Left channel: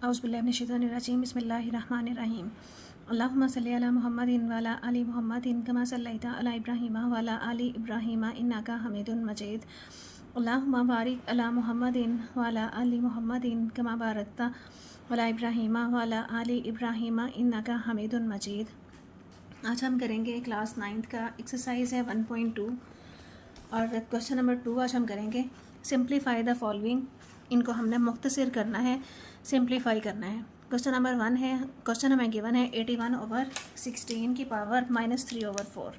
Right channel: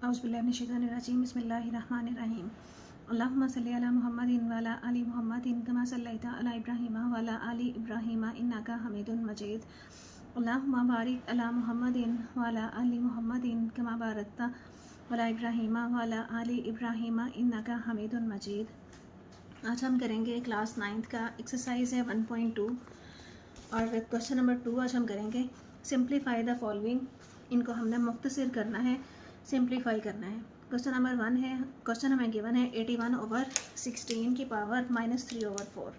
औज़ुबिल्लाहिमिनश्शैतानिर्रजीम बिस्मिल्लाहिर्रहमानिर्रहीम अल्लाहुम्मा सल्लि अला मुहम्मदिन व अला आलि मुहम्मदिन कमा सल्लैता अला इब्राहीम व अला आलि इब्राहीम इन्नका हमीदुन मजीद अल्लाहुम्मा बारिक अला मुहम्मदिन व अला आलि मुहम्मदिन कमा बारकता अला इब्राहीम व अला आलि इब्राहीम इन्नका हमीदुन मजीद। आज हम करेंगे क्लास 9th का एक्सरसाइज है 1.2 और क्वेश्चन नंबर 2 आज हम करेंगे सिंप्लीफाई द फॉलोइंग। इनको हमने मुख्तसर करना है, सिंप्लीफाई करना है। क्वेश्चन नंबर 1 है, क्वेश्चन हमें गिवन है 81/16 की पावर -3/4।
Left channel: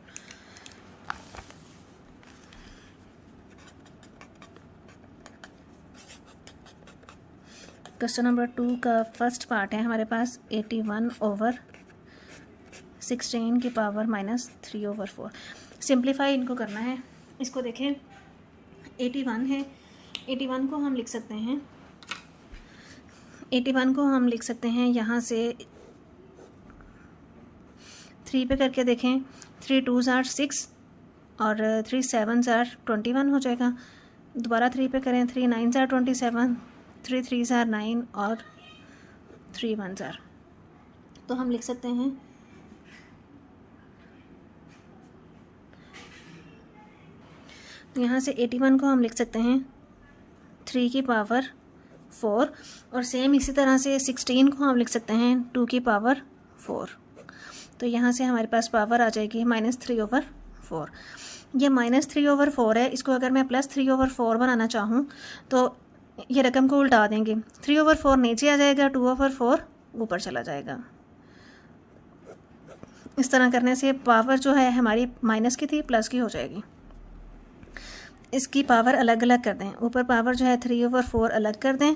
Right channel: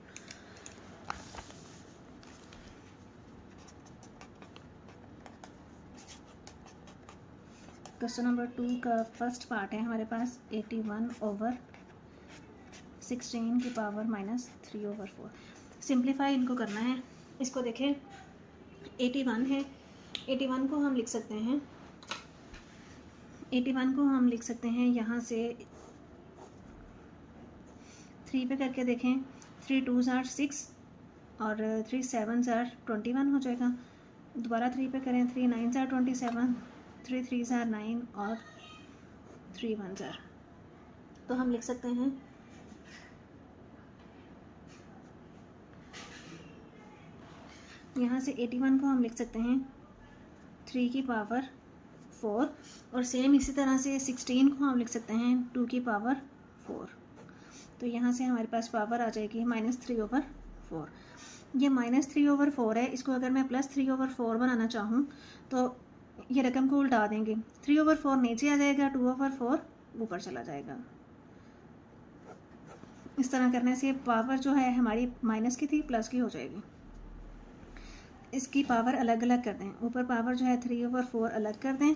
क्वेश्चन नंबर 2 का फर्स्ट पार्ट है हमारे पास 81/16 की पावर -3/4। सिंप्लीफाई इनको करना है। इसको देखें, 81 है, 81 को हम लिख सकते हैं, 81 को हम लिख सकते हैं यहाँ से 3 पे करके देखें। 3 2s are 6 और 3 7s are 21 हो जाएगा। दोबारा 3 पे करें, 3 9s are 27, 3 3s are 9 और 3 1s are, तो हम लिख सकते हैं यहाँ से 81 को हम लिख सकते हैं 3 की पावर 4 और सेम इसी तरह से 16 को हम लिख सकते हैं 2 की पावर 4। तो यहाँ से हमारे पास पावर आ जाएगी -3/4। ये -3/4 है, इसको अगर मैं +3/4 बनाना चाहूँ तो ये रकम को उल्टा देंगे। 3/4 नीचे आ जाएगा, 2/4 ऊपर चला जाएगा। इस तरह करने से पावर जो है हमारी माइनस की थी प्लस की हो जाएगी। इसकी पावर अलग अलग कर दें, ऊपर पावर जो है 3/4 अलग कर दें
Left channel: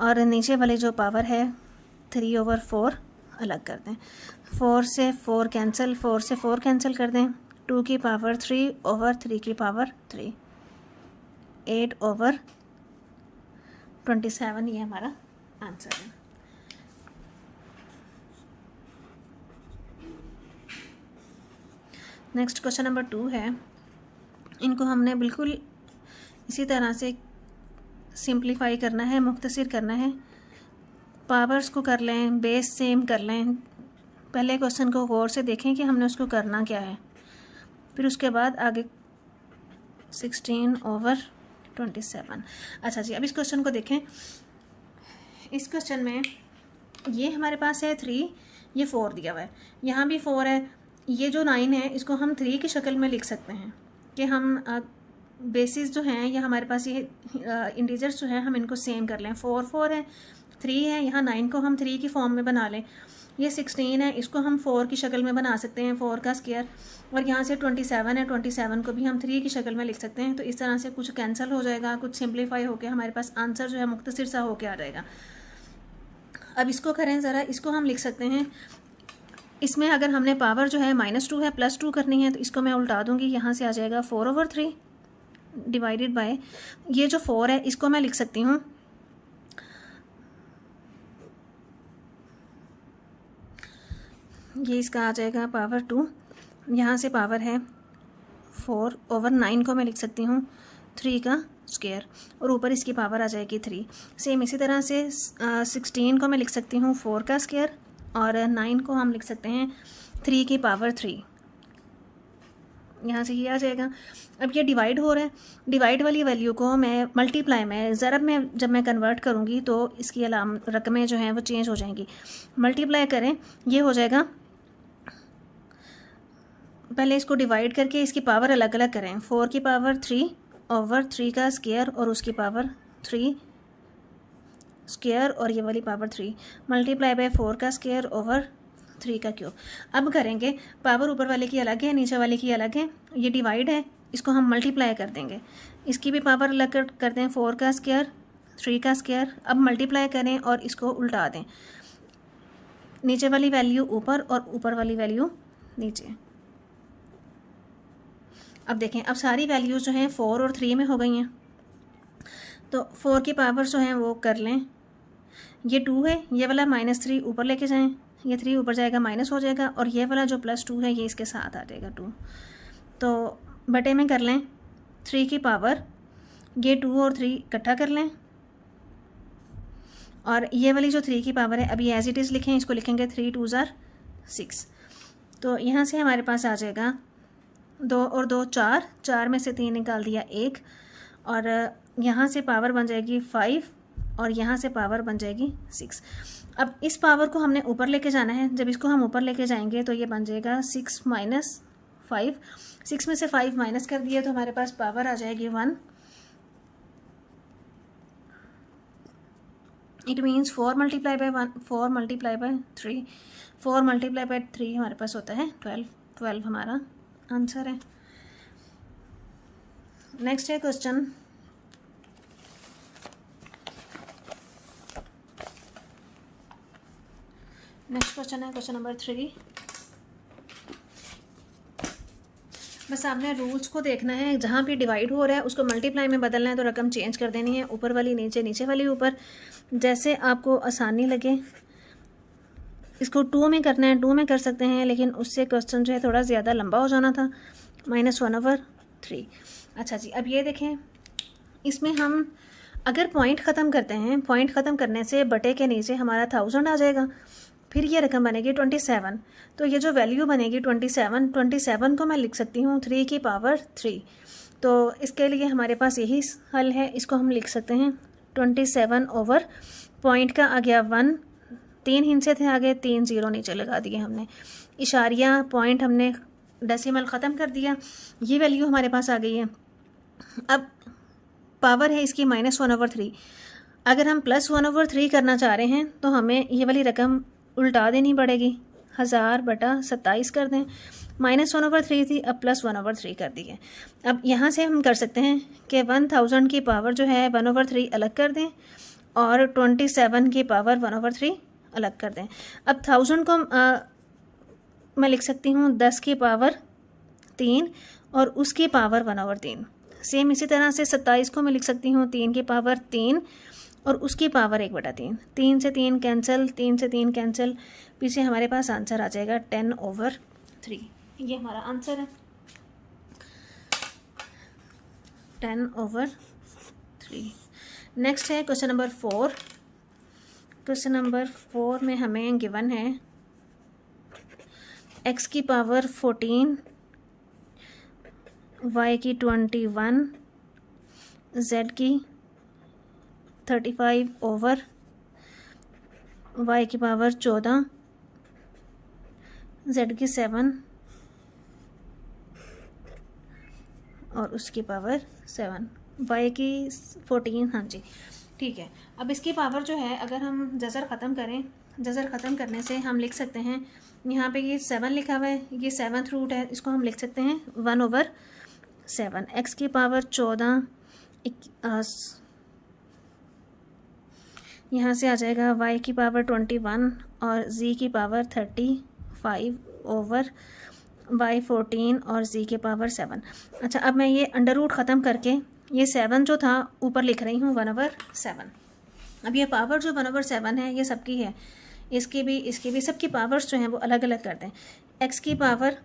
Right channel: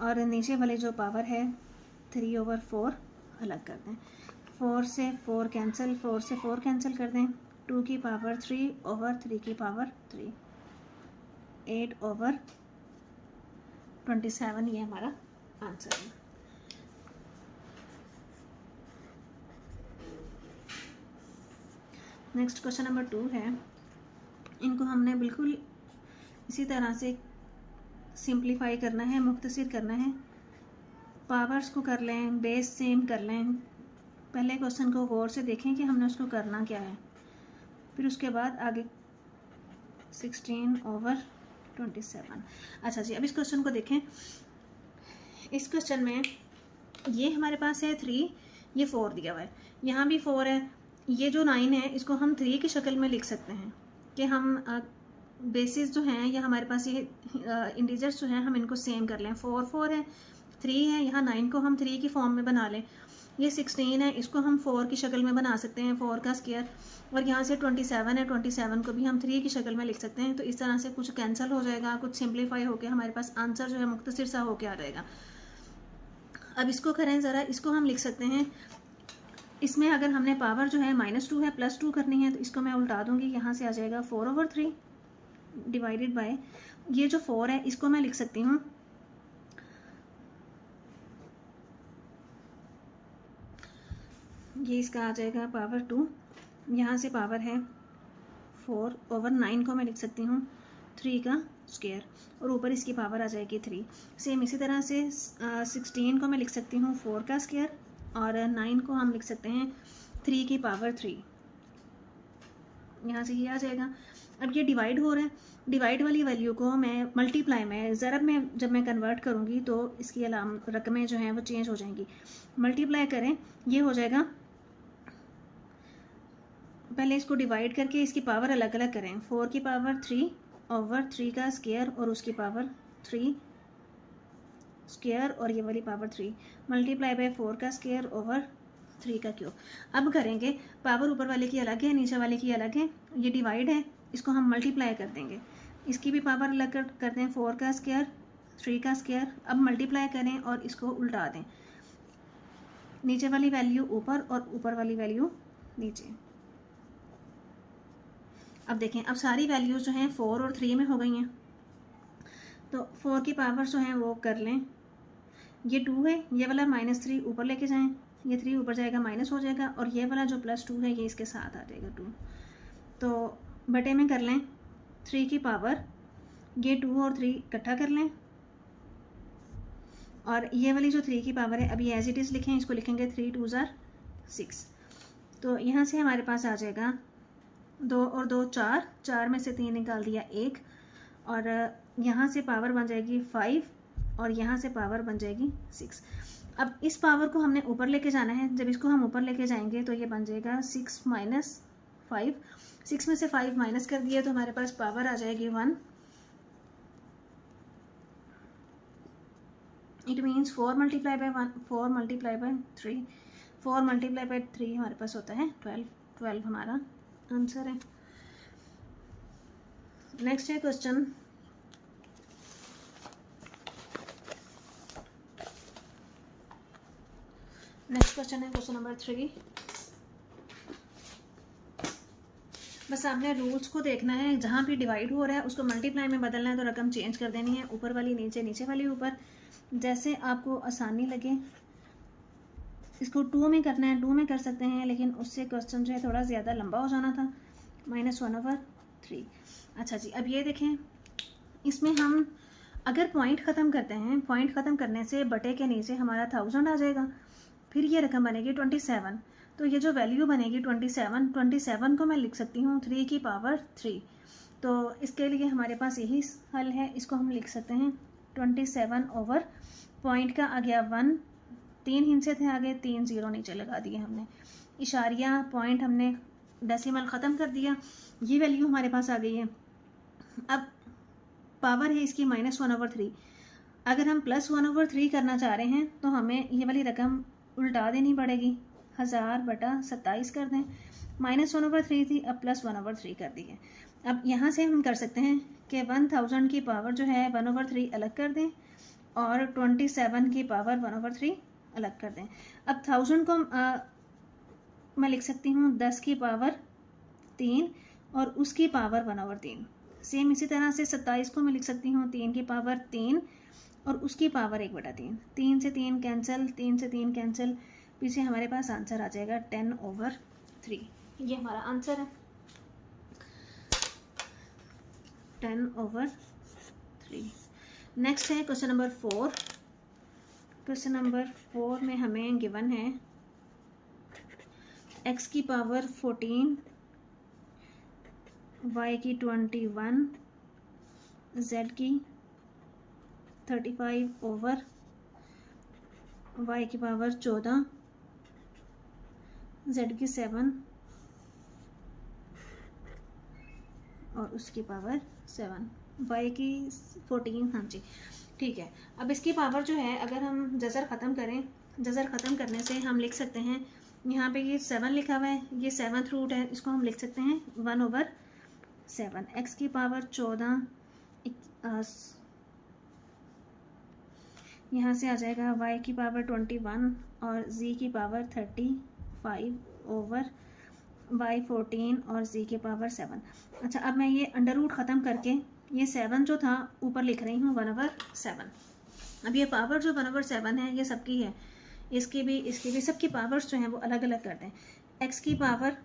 और नीचे वाली जो पावर है 3/4 अलग कर दें। 4 से 4 कैंसिल, 4 से 4 कैंसिल कर दें। 2 की पावर 3/3 की पावर 3, 8/27 ये हमारा आंसर है। नेक्स्ट क्वेश्चन नंबर 2 है, इनको हमने बिल्कुल इसी तरह से सिंप्लीफाई करना है, मुख्तसर करना है। पावर्स को कर लें, बेस सेम कर लें। पहले क्वेश्चन को गौर से देखें कि हमने उसको करना क्या है, फिर उसके बाद आगे 16/27। अच्छा जी, अब इस क्वेश्चन को देखें। इस क्वेश्चन में ये हमारे पास है 3, ये 4 दिया हुआ है, यहाँ भी 4 है। ये जो 9 है इसको हम 3 की शक्ल में लिख सकते हैं कि हम बेसिस जो हैं, या हमारे पास ये इंटीजर्स जो हैं हम इनको सेम कर लें। 4 4 है, 3 है, यहाँ 9 को हम 3 की फॉर्म में बना लें। ये 16 है, इसको हम 4 की शक्ल में बना सकते हैं, 4 का स्क्वायर। और यहाँ से 27 है, 27 को भी हम 3 की शक्ल में लिख सकते हैं। तो इस तरह से कुछ कैंसिल हो जाएगा, कुछ सिंप्लीफाई होकर हमारे पास आंसर जो है मुख्तसर सा होकर आ जाएगा। अब इसको करें ज़रा, इसको हम लिख सकते हैं। इसमें अगर हमने पावर जो है -2 है +2 करनी है तो इसको मैं उल्टा दूंगी। यहाँ से आ जाएगा 4/3 डिवाइडेड बाय ये जो 4 है इसको मैं लिख सकती हूँ, ये इसका आ जाएगा पावर 2। यहाँ से पावर है 4/9 को मैं लिख सकती हूँ 3 का स्क्वायर और ऊपर इसकी पावर आ जाएगी 3। सेम इसी तरह से 16 को मैं लिख सकती हूँ 4 का स्क्वायर और 9 को हम लिख सकते हैं 3 की पावर 3। यहाँ से ये आ जाएगा। अब ये डिवाइड हो रहा है, डिवाइड वाली वैल्यू को मैं मल्टीप्लाई में, ज़रब में जब मैं कन्वर्ट करूँगी तो इसकी रकमें जो हैं वो चेंज हो जाएंगी। मल्टीप्लाई करें, ये हो जाएगा, पहले इसको डिवाइड करके इसकी पावर अलग अलग करें। 4 की पावर 3/3 का स्क्वायर और उसकी पावर 3 स्क्वायर और ये वाली पावर 3 मल्टीप्लाई बाय 4 का स्क्वायर ओवर 3 का क्यूब। अब करेंगे, पावर ऊपर वाले की अलग है, नीचे वाले की अलग है। ये डिवाइड है, इसको हम मल्टीप्लाई कर देंगे। इसकी भी पावर अलग कर दें, 4 का स्क्वायर 3 का स्क्वायर। अब मल्टीप्लाई करें और इसको उल्टा दें, नीचे वाली वैल्यू ऊपर और ऊपर वाली वैल्यू नीचे। अब देखें, अब सारी वैल्यूज़ जो हैं 4 और 3 में हो गई हैं। तो 4 की पावर जो हैं वो कर लें, ये 2 है, ये वाला -3 ऊपर लेके जाएं, ये 3 ऊपर जाएगा माइनस हो जाएगा और ये वाला जो +2 है ये इसके साथ आ जाएगा 2। तो बटे में कर लें 3 की पावर, ये 2 और 3 इकट्ठा कर लें और ये वाली जो 3 की पावर है अभी एज इट इज़ लिखें, इसको लिखेंगे 3 2 ज़ार 6। तो यहाँ से हमारे पास आ जाएगा 2 और 2 4, 4 में से 3 निकाल दिया 1, और यहाँ से पावर बन जाएगी 5 और यहाँ से पावर बन जाएगी 6। अब इस पावर को हमने ऊपर लेके जाना है, जब इसको हम ऊपर लेके जाएंगे तो ये बन जाएगा 6 माइनस 5, 6 में से 5 माइनस कर दिया तो हमारे पास पावर आ जाएगी 1। It means 4 multiply by 1, 4 multiply by 3, 4 multiply by 3 हमारे पास होता है 12, 12 हमारा आंसर है। नेक्स्ट है क्वेश्चन है क्वेश्चन नंबर 3। बस आपने रूल्स को देखना है, जहाँ भी डिवाइड हो रहा है उसको मल्टीप्लाई में बदलना है तो रकम चेंज कर देनी है, ऊपर वाली नीचे, नीचे वाली ऊपर, जैसे आपको आसानी लगे। इसको 2 में करना है 2 में कर सकते हैं, लेकिन उससे क्वेश्चन जो है थोड़ा ज़्यादा लंबा हो जाना था। -1/3। अच्छा जी, अब ये देखें, इसमें हम अगर पॉइंट ख़त्म करते हैं, पॉइंट ख़त्म करने से बटे के नीचे हमारा 1000 आ जाएगा, फिर ये रकम बनेगी 27। तो ये जो वैल्यू बनेगी 27 को मैं लिख सकती हूँ 3 की पावर 3। तो इसके लिए हमारे पास यही हल है, इसको हम लिख सकते हैं 27 ओवर पॉइंट का आ गया 1, 3 हिस्से थे आगे, 3 0 नीचे लगा दिए हमने, इशारिया पॉइंट हमने डेसिमल ख़त्म कर दिया, ये वैल्यू हमारे पास आ गई है। अब पावर है इसकी -1/3। अगर हम +1/3 करना चाह रहे हैं तो हमें ये वाली रकम उल्टा देनी पड़ेगी, 1000/27 कर दें। -1/3 थी, अब +1/3 कर दी है। अब यहाँ से हम कर सकते हैं कि 1000 की पावर जो है 1/3 अलग कर दें और 27 की पावर 1/3 अलग कर दें। अब 1000 को मैं लिख सकती हूँ 10 की पावर 3 और उसकी पावर 1/3। सेम इसी तरह से 27 को मैं लिख सकती हूँ 3 की पावर 3 और उसकी पावर 1/3। 3 से 3 कैंसिल, 3 से 3 कैंसिल, पीछे हमारे पास आंसर आ जाएगा 10/3। ये हमारा आंसर है 10/3। नेक्स्ट है क्वेश्चन नंबर 4। क्वेश्चन नंबर 4 में हमें गिवन है x की पावर 14, y की 21, z की 35 ओवर y की पावर 14, z की 7 और उसकी पावर 7, y की 14। हाँ जी, ठीक है। अब इसकी पावर जो है, अगर हम जज़र ख़त्म करें, जज़र ख़त्म करने से हम लिख सकते हैं, यहाँ पे ये 7 लिखा हुआ है, ये 7th रूट है, इसको हम लिख सकते हैं 1/7। x की पावर 14, यहाँ से आ जाएगा y की पावर 21 और z की पावर 35 ओवर y 14 और z के पावर 7। अच्छा, अब मैं ये अंडर रूट ख़त्म करके ये 7 जो था ऊपर लिख रही हूँ 1/7। अब ये पावर जो 1/7 है ये सबकी है, इसकी भी सबकी पावर्स जो हैं वो अलग अलग कर दें। x की पावर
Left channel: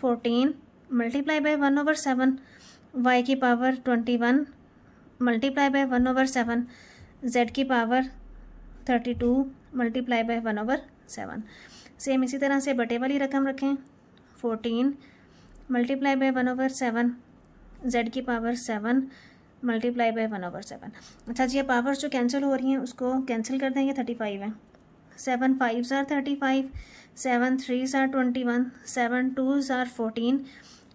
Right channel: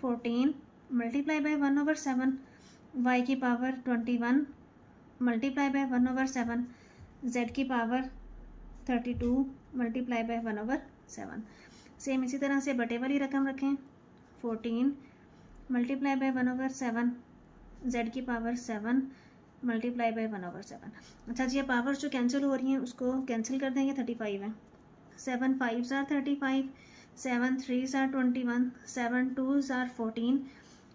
14 मल्टीप्लाई बाय 1/7, y की पावर 21 मल्टीप्लाई बाय 1/7, z की पावर 32 मल्टीप्लाई बाय 1/7। सेम इसी तरह से बटे वाली रकम रखें, 14 मल्टीप्लाई बाय 1/7, z की पावर 7 मल्टीप्लाई बाय 1/7। अच्छा जी, ये पावर्स जो कैंसिल हो रही हैं उसको कैंसिल कर दें, ये 35 है, 7 5s are 35, 7 3s are 21, 7 2s are 14,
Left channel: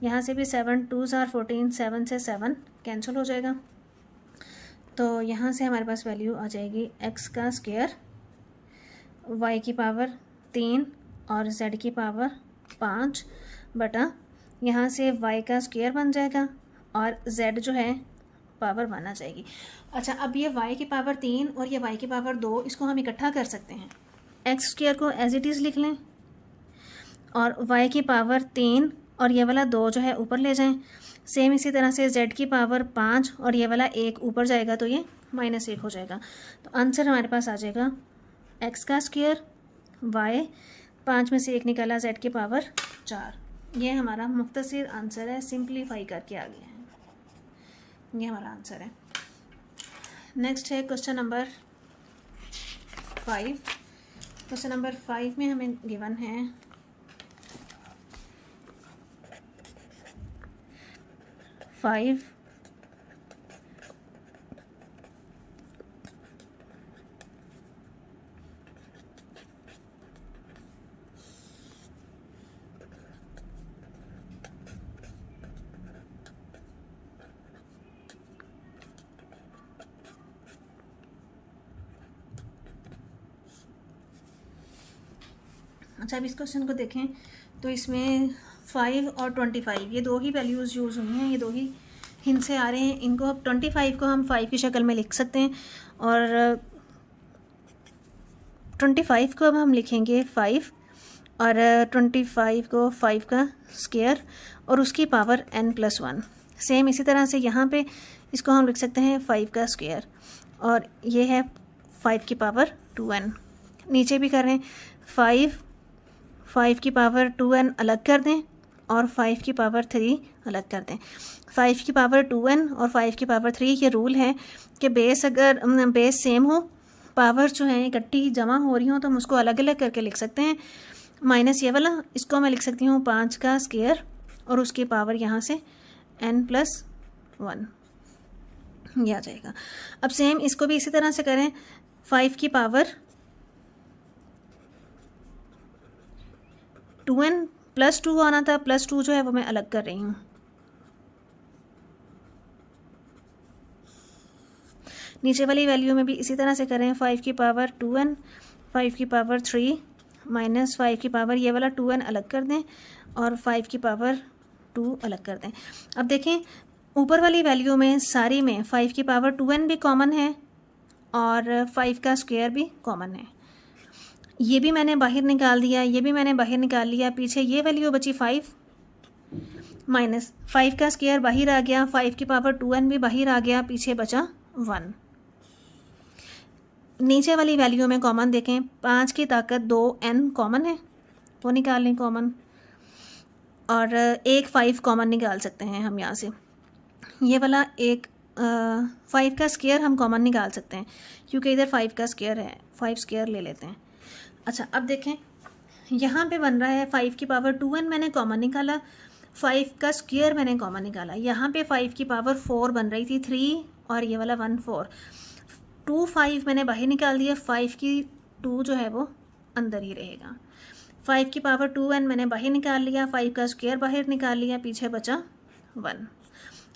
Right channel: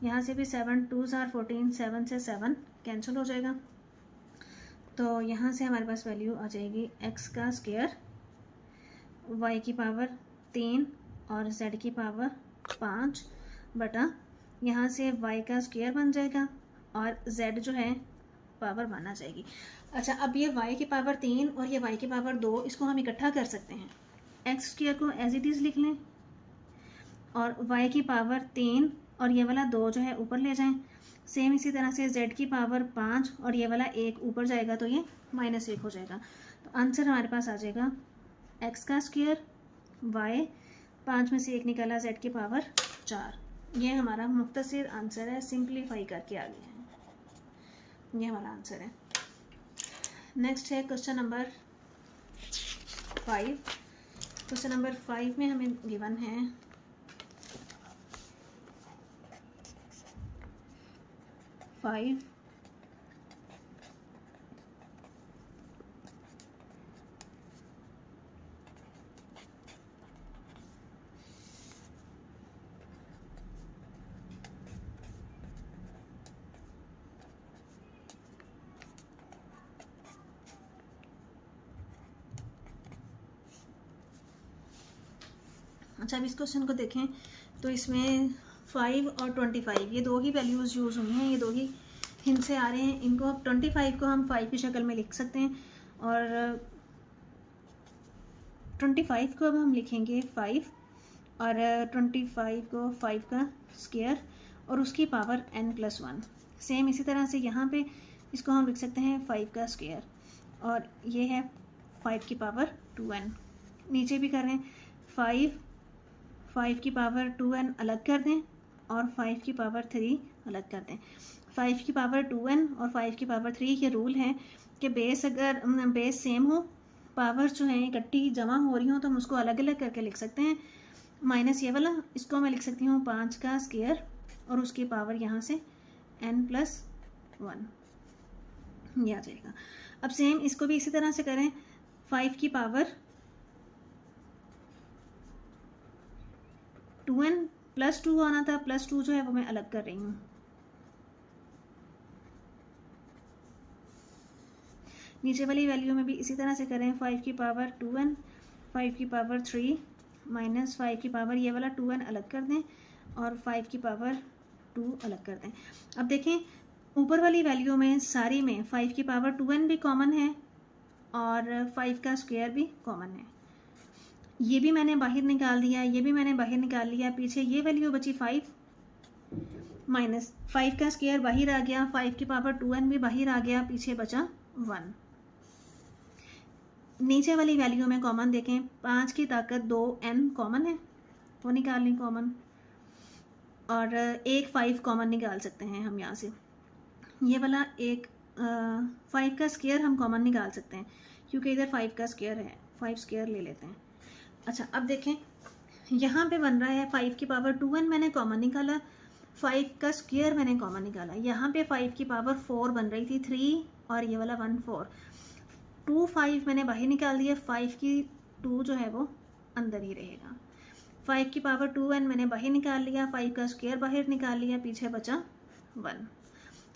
यहाँ से भी 7 2s are 14, 7 से 7 कैंसिल हो जाएगा। तो यहाँ से हमारे पास वैल्यू आ जाएगी x का स्क्वायर, y की पावर 3 और z की पावर 5 बटा, यहाँ से y का स्क्वायर बन जाएगा और z जो है पावर 1 आ जाएगी। अच्छा, अब ये y की पावर 3 और ये y की पावर 2, इसको हम इकट्ठा कर सकते हैं। एक्स स्क्वायर को एज इट इज़ लिख लें और y की पावर 3 और ये वाला 2 जो है ऊपर ले जाएं। सेम इसी तरह से z की पावर 5 और ये वाला 1 ऊपर जाएगा तो ये -1 हो जाएगा। तो आंसर हमारे पास आ जाएगा x का स्क्वायर, y 5 में से 1 निकाला, z की पावर 4। ये हमारा मुख्तसर आंसर है, सिंप्लीफाई करके आ गया है, ये हमारा आंसर है। नेक्स्ट है क्वेश्चन नंबर 5। क्वेश्चन नंबर 5 में हमें गिवन है 5 अच्छा, अब इस क्वेश्चन को देखें तो इसमें 5 और 25 ये दो ही वैल्यूज़ यूज़ हुई हैं, ये दो ही हिंट से आ रहे हैं। इनको अब 25 को हम 5 की शक्ल में लिख सकते हैं और 25 को अब हम लिखेंगे 5 और 25 को 5 का स्क्वायर और उसकी पावर n+1। सेम इसी तरह से यहाँ पे इसको हम लिख सकते हैं 5 का स्क्वायर और ये है 5 की पावर 2n। नीचे भी करें 5 की पावर 2n अलग कर दें और 5 की पावर 3 अलग कर दें। 5 की पावर 2n और 5 की पावर 3 ये रूल है कि बेस अगर बेस सेम हो, पावर जो है इकट्ठी जमा हो रही हो तो हम उसको अलग अलग करके लिख सकते हैं। माइनस ये वाला, इसको मैं लिख सकती हूँ 5 का स्क्वायर और उसकी पावर यहाँ से n+1 ये आ जाएगा। अब सेम इसको भी इसी तरह से करें, 5 की पावर 2n+2 आना था, +2 जो है वो मैं अलग कर रही हूँ। नीचे वाली वैल्यू में भी इसी तरह से करें, 5 की पावर 2n, 5 की पावर 3 माइनस 5 की पावर ये वाला 2n अलग कर दें और 5 की पावर 2 अलग कर दें। अब देखें ऊपर वाली वैल्यू में सारी में 5 की पावर 2n भी कॉमन है और 5 का स्क्वायर भी कॉमन है। ये भी मैंने बाहर निकाल दिया, ये भी मैंने बाहर निकाल लिया। पीछे ये वैल्यू बची 5 माइनस 5 का स्क्वायर बाहर आ गया, 5 की पावर 2n भी बाहर आ गया, पीछे बचा 1। नीचे वाली वैल्यू में कॉमन देखें, 5 की ताकत 2n कॉमन है, वो निकाल लें कॉमन और एक 5 कॉमन निकाल सकते हैं हम यहाँ से। ये वाला एक 5 का स्क्वायर हम कॉमन निकाल सकते हैं क्योंकि इधर 5 का स्क्वायर है, 5 स्क्वायर ले लेते हैं। अच्छा, अब देखें यहाँ पे बन रहा है 5 की पावर 2n मैंने कॉमन निकाला, 5 का स्क्वायर मैंने कॉमन निकाला। यहाँ पे 5 की पावर 4 बन रही थी, 3 और ये वाला 1 4, 2 5 मैंने बाहर निकाल दिया, 5 की 2 जो है वो अंदर ही रहेगा। 5 की पावर 2n मैंने बाहर निकाल लिया, 5 का स्क्वायर बाहर निकाल लिया, पीछे बचा 1।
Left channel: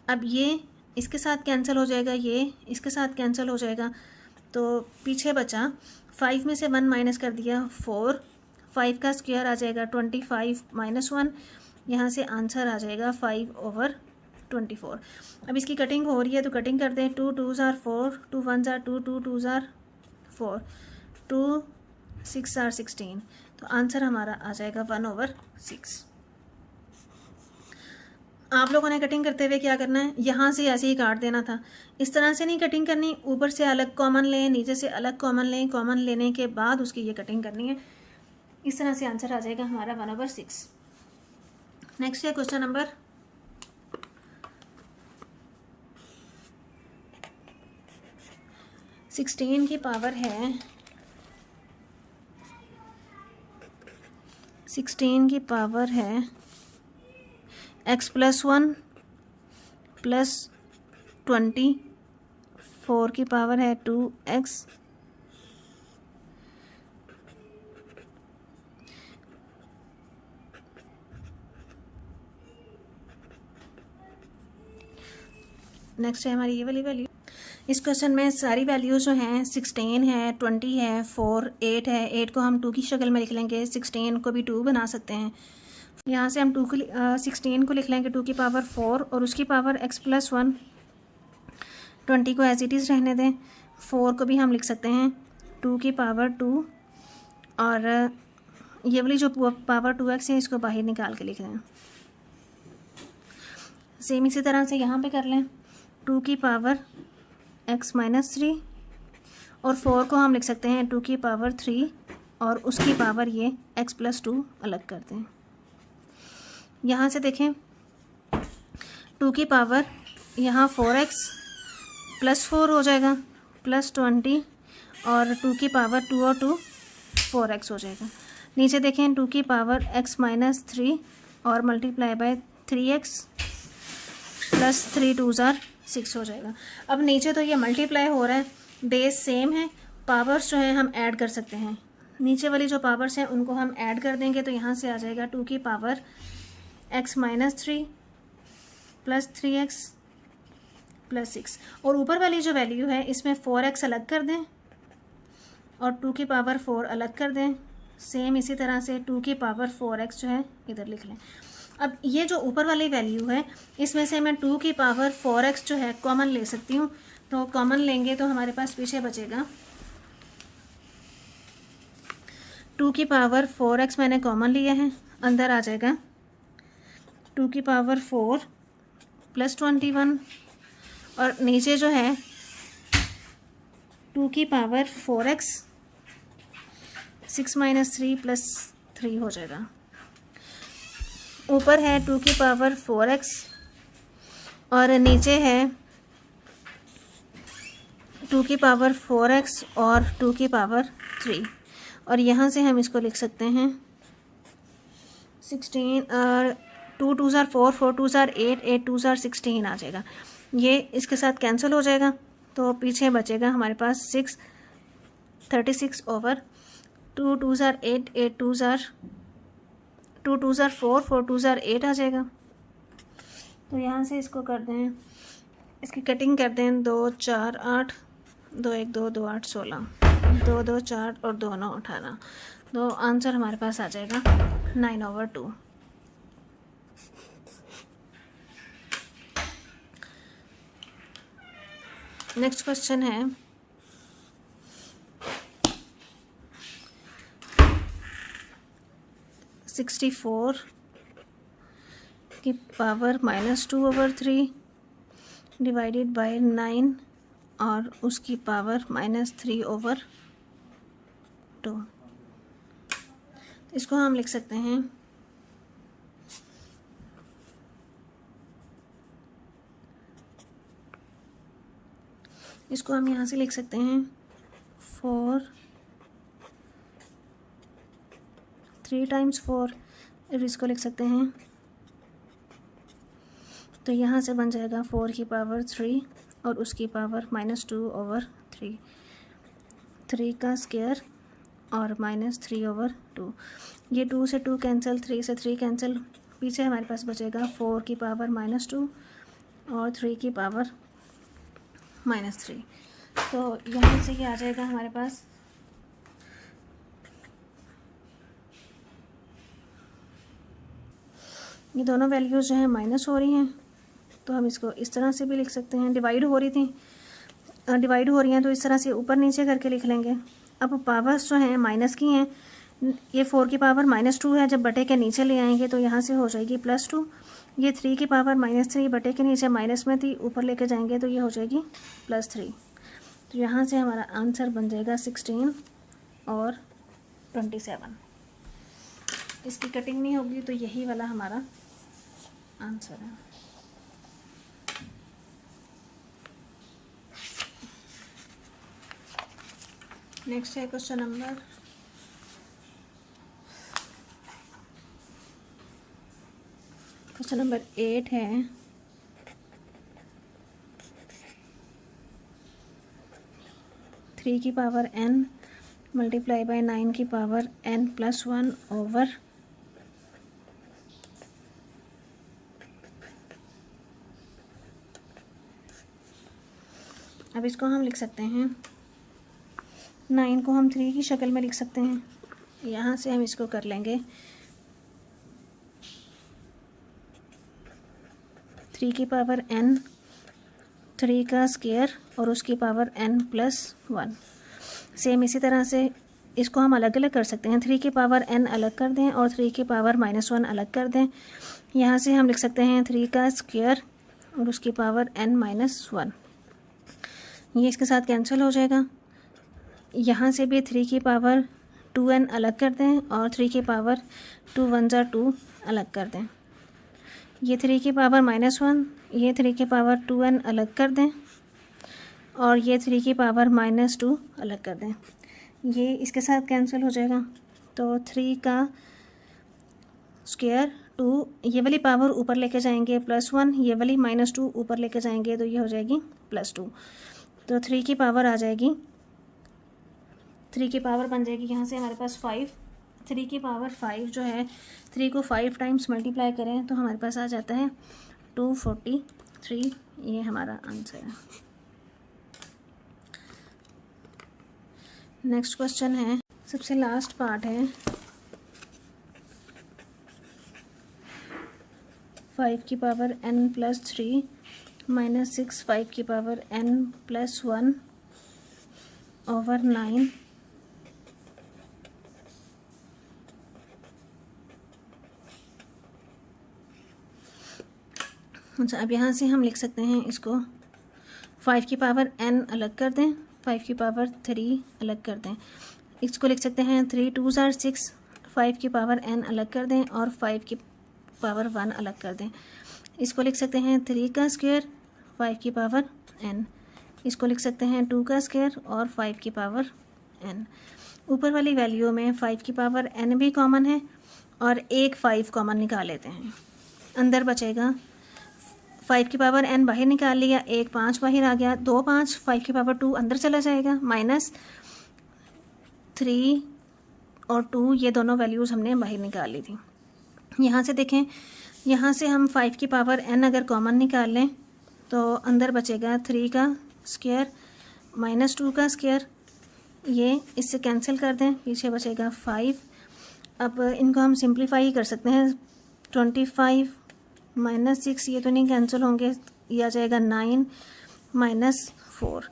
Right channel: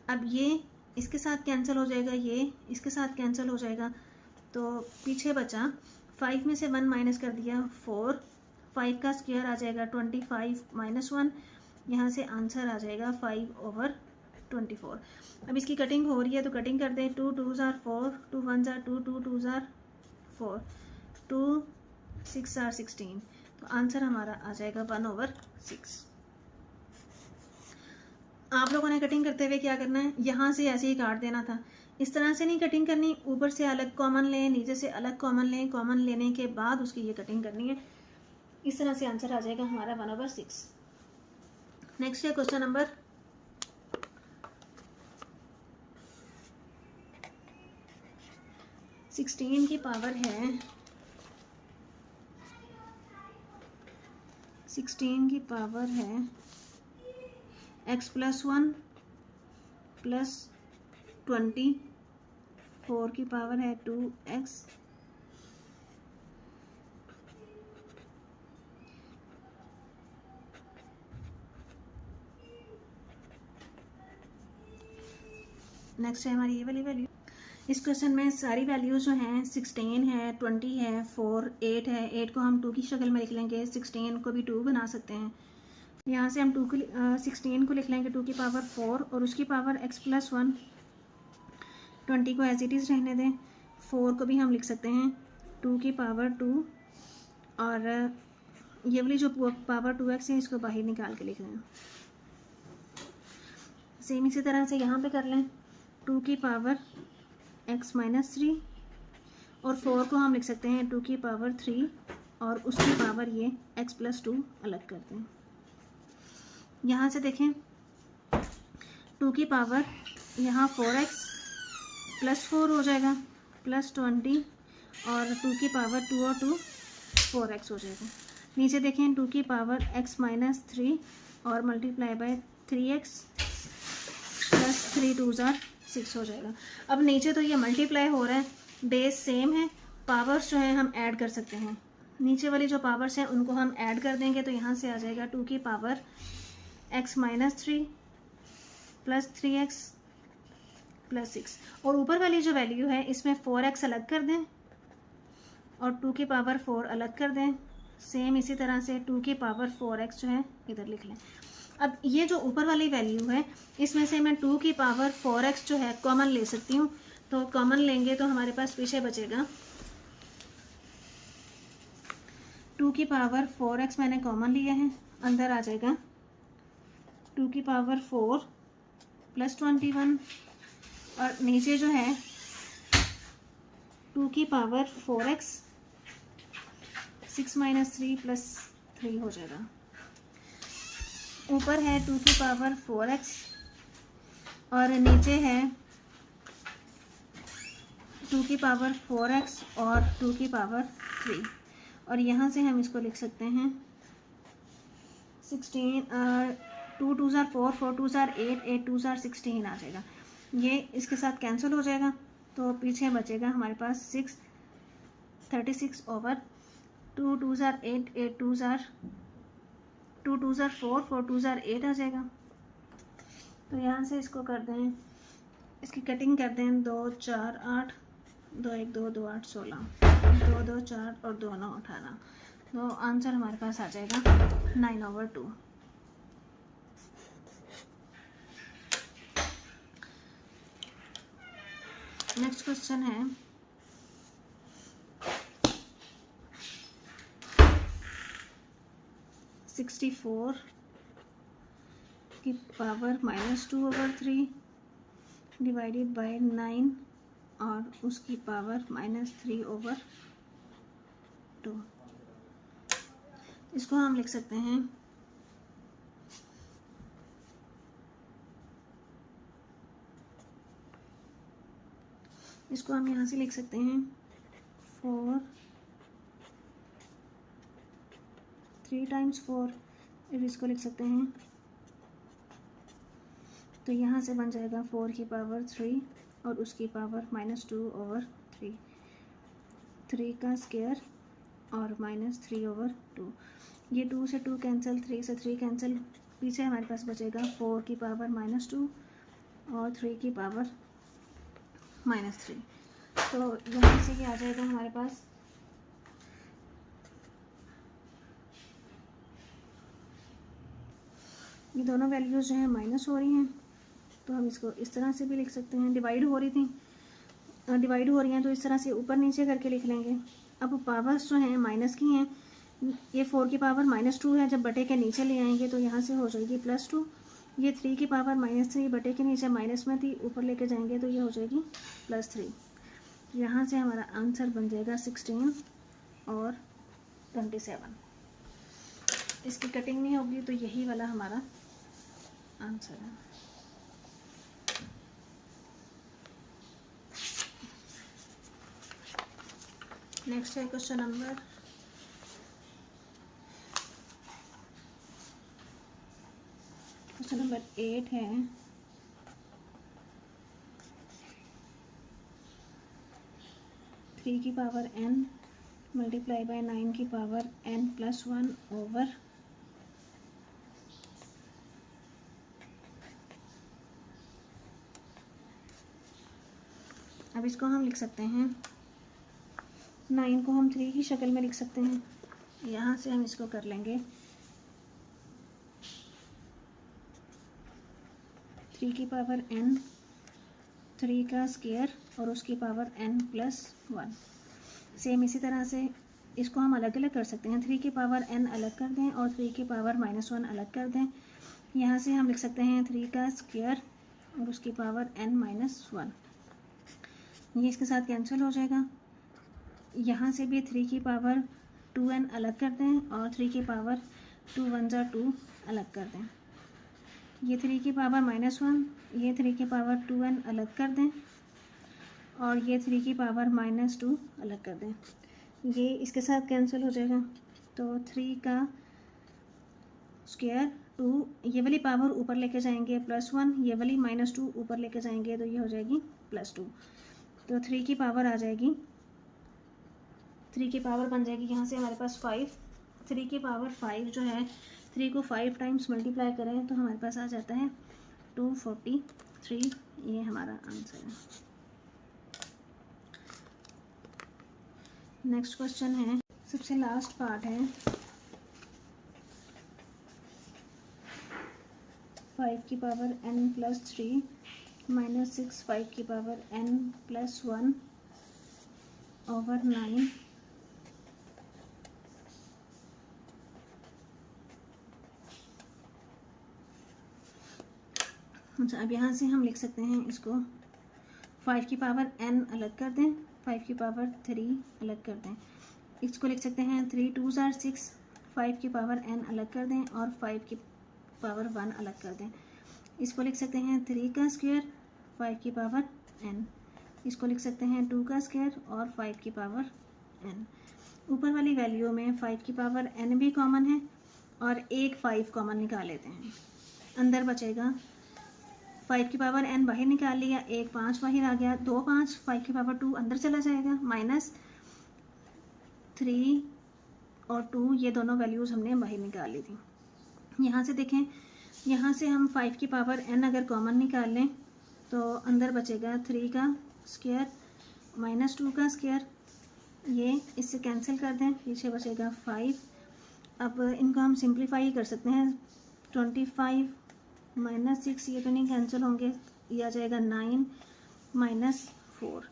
अब ये इसके साथ कैंसिल हो जाएगा, ये इसके साथ कैंसिल हो जाएगा, तो पीछे बचा 5 में से 1 माइनस कर दिया 4, 5 का स्क्वायर आ जाएगा 25 - 1, यहाँ से आंसर आ जाएगा 5/24। अब इसकी कटिंग हो रही है तो कटिंग कर दें, 2 2s are 4, 2 1s are 2, 2 2s are 4, 2 6 are 16, तो आंसर हमारा आ जाएगा 1/6। आप लोगों ने कटिंग करते हुए क्या करना है, यहाँ से ऐसे ही काट देना था, इस तरह से नहीं कटिंग करनी, ऊपर से अलग कॉमन लें, नीचे से अलग कॉमन लें, कॉमन लेने के बाद उसकी ये कटिंग करनी है। इस तरह से आंसर आ जाएगा हमारा 1/6। नेक्स्ट है क्वेश्चन नंबर 16 की पावर है 16 की पावर है x+1 + 20, 4 की पावर है 2x, नेक्स्ट है हमारी ये वाली वैल्यू। इस क्वेश्चन में सारी वैल्यूज जो हैं 16 है, 20 है, 4, 8 है। 8 को हम 2 की शक्ल में लिख लेंगे, 16 को भी 2 बना सकते हैं। यहाँ से हम 16 को लिख लेंगे 2 की पावर 4 और उसकी पावर x+1, 20 को एज इट इज़ रहने दें, 4 को भी हम लिख सकते हैं 2 की पावर 2 और ये वाली जो पावर 2x है इसको बाहर निकाल के लिख दें। सेम इसी तरह से यहाँ पे कर लें, 2 की पावर x-3 और 4 को हम लिख सकते हैं 2 की पावर 3 और उसकी पावर ये x+2 अलग कर दें। यहाँ से देखें 2 की पावर यहाँ 4x + 4 हो जाएगा +20 और 2 की पावर 2 और 2 4x हो जाएगा। नीचे देखें 2 की पावर x माइनस 3 और मल्टीप्लाई बाय 3x प्लस 3 2 ज़ार 6 हो जाएगा। अब नीचे तो ये मल्टीप्लाई हो रहा है, बेस सेम है, पावर्स जो हैं हम ऐड कर सकते हैं। नीचे वाली जो पावर्स हैं उनको हम ऐड कर देंगे तो यहाँ से आ जाएगा 2 की power x minus 3 plus 3x plus 6, और ऊपर वाली जो वैल्यू है इसमें 4x अलग कर दें और 2 की पावर 4 अलग कर दें। सेम इसी तरह से 2 की पावर 4x जो है इधर लिख लें। अब ये जो ऊपर वाली वैल्यू है इसमें से मैं 2 की पावर 4x जो है कॉमन ले सकती हूँ, तो कॉमन लेंगे तो हमारे पास पीछे बचेगा 2 की पावर 4x मैंने कॉमन लिया है, अंदर आ जाएगा 2 की पावर 4 प्लस 21 और नीचे जो है 2 की पावर 4x 6 माइनस 3 प्लस 3 हो जाएगा। ऊपर है 2 की पावर 4x और नीचे है 2 की पावर 4x और 2 की पावर 3, और यहाँ से हम इसको लिख सकते हैं 16 और 2 2 ज़ार 4 4 2 ज़ार 8 8 2 ज़ार 16 आ जाएगा। ये इसके साथ कैंसिल हो जाएगा तो पीछे बचेगा हमारे पास 6 36 ओवर 2 2 ज़ार 8 8 2 ज़ार 2 2 ज़ार 4 4 2 ज़ार 8 आ जाएगा। तो यहाँ से इसको कर दें, इसकी कटिंग कर दें 2 4 8 2 1 2 2 8 16 2 2 4 और 2 9 18, तो आंसर हमारे पास आ जाएगा 9/2। नेक्स्ट क्वेश्चन है 64 की पावर -2/3 डिवाइडेड बाय 9 और उसकी पावर -3/2। इसको हम लिख सकते हैं इसको हम यहाँ से लिख सकते हैं 4 3 टाइम्स 4, इसको लिख सकते हैं तो यहाँ से बन जाएगा 4 की पावर 3 और उसकी पावर -2/3, 3 का स्क्वायर और -3/2। ये 2 से 2 कैंसिल, 3 से 3 कैंसिल, पीछे हमारे पास बचेगा 4 की पावर -2 और 3 की पावर -3। तो यहाँ से क्या आ जाएगा हमारे पास ये दोनों वैल्यूज़ जो हैं माइनस हो रही हैं, तो हम इसको इस तरह से भी लिख सकते हैं। डिवाइड हो रही थी, डिवाइड हो रही हैं तो इस तरह से ऊपर नीचे करके लिख लेंगे। अब पावर्स जो हैं माइनस की हैं, ये 4 की पावर -2 है, जब बटे के नीचे ले आएंगे तो यहाँ से हो जाएगी +2। ये 3 की पावर -3 बटे के नीचे माइनस में थी, ऊपर लेके जाएंगे तो ये हो जाएगी +3। तो यहाँ से हमारा आंसर बन जाएगा 16 और 27। इसकी कटिंग नहीं होगी तो यही वाला हमारा आंसर है। नेक्स्ट है क्वेश्चन नंबर 8 है 3 की पावर n मल्टीप्लाई बाय 9 की पावर n+1 ओवर अब इसको हम लिख सकते हैं 9 को हम 3 की शक्ल में लिख सकते हैं। यहाँ से हम इसको कर लेंगे 3 की पावर n, 3 का स्क्वायर और उसकी पावर n+1। सेम इसी तरह से इसको हम अलग अलग कर सकते हैं। 3 की पावर n अलग कर दें और 3 की पावर -1 अलग कर दें। यहाँ से हम लिख सकते हैं 3 का स्क्वायर और उसकी पावर n-1। ये इसके साथ कैंसिल हो जाएगा। यहाँ से भी 3 की पावर 2n अलग कर दें और 3 की पावर 2 1 ज़ा 2 अलग कर दें। ये 3 की पावर -1, ये 3 की पावर 2n अलग कर दें और ये 3 की पावर -2 अलग कर दें, ये इसके साथ कैंसिल हो जाएगा। तो 3 का स्क्वायर 2, ये वाली पावर ऊपर लेके जाएंगे +1, ये वाली -2 ऊपर लेके जाएंगे तो ये हो जाएगी +2। तो 3 की पावर आ जाएगी, 3 की पावर बन जाएगी यहाँ से हमारे पास 5। 3 की पावर 5 जो है, 3 को 5 टाइम्स मल्टीप्लाई करें तो हमारे पास आ जाता है 243। ये हमारा आंसर है। नेक्स्ट क्वेश्चन है, सबसे लास्ट पार्ट है 5 की पावर n+3 -6 5 की पावर n+1 ओवर 9 अच्छा, अब यहाँ से हम लिख सकते हैं इसको 5 की पावर n अलग कर दें, 5 की पावर 3 अलग कर दें। इसको लिख सकते हैं 3 2 are 6, 5 की पावर n अलग कर दें और 5 की पावर 1 अलग कर दें। इसको लिख सकते हैं 3 का स्क्वायर 5 की पावर n। इसको लिख सकते हैं 2 का स्क्वायर और 5 की पावर n। ऊपर वाली वैल्यू में 5 की पावर n भी कॉमन है और एक 5 कॉमन निकाल लेते हैं। अंदर बचेगा 5 की पावर n बाहर निकाल लिया, एक 5 बाहर आ गया, 2 5, 5 की पावर 2 अंदर चला जाएगा, -3 और 2 ये दोनों वैल्यूज़ हमने बाहर निकाल ली थी। यहाँ से देखें, यहाँ से हम 5 की पावर n अगर कॉमन निकाल लें तो अंदर बचेगा 3 का स्क्वायर -2 का स्क्वायर, ये इससे कैंसिल कर दें, पीछे बचेगा 5। अब इनको हम सिंप्लीफाई कर सकते हैं, 25 -6 ये तो नहीं कैंसिल होंगे, ये आ जाएगा 9 -4,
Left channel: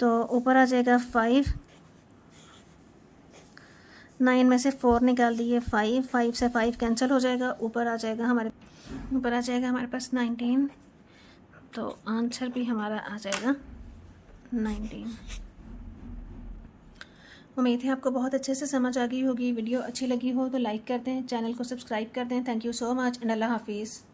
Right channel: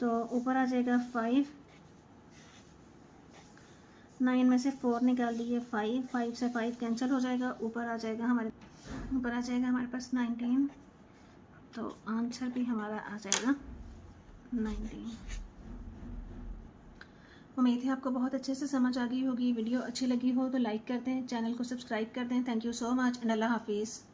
तो ऊपर आ जाएगा 5, 9 में से 4 निकाल दिए 5, 5 से 5 कैंसिल हो जाएगा, ऊपर आ जाएगा हमारे पास 19। तो आंसर भी हमारा आ जाएगा 19। उम्मीद है आपको बहुत अच्छे से समझ आ गई होगी। वीडियो अच्छी लगी हो तो लाइक कर दें, चैनल को सब्सक्राइब कर दें। Thank you so much and अल्लाह हाफिज़।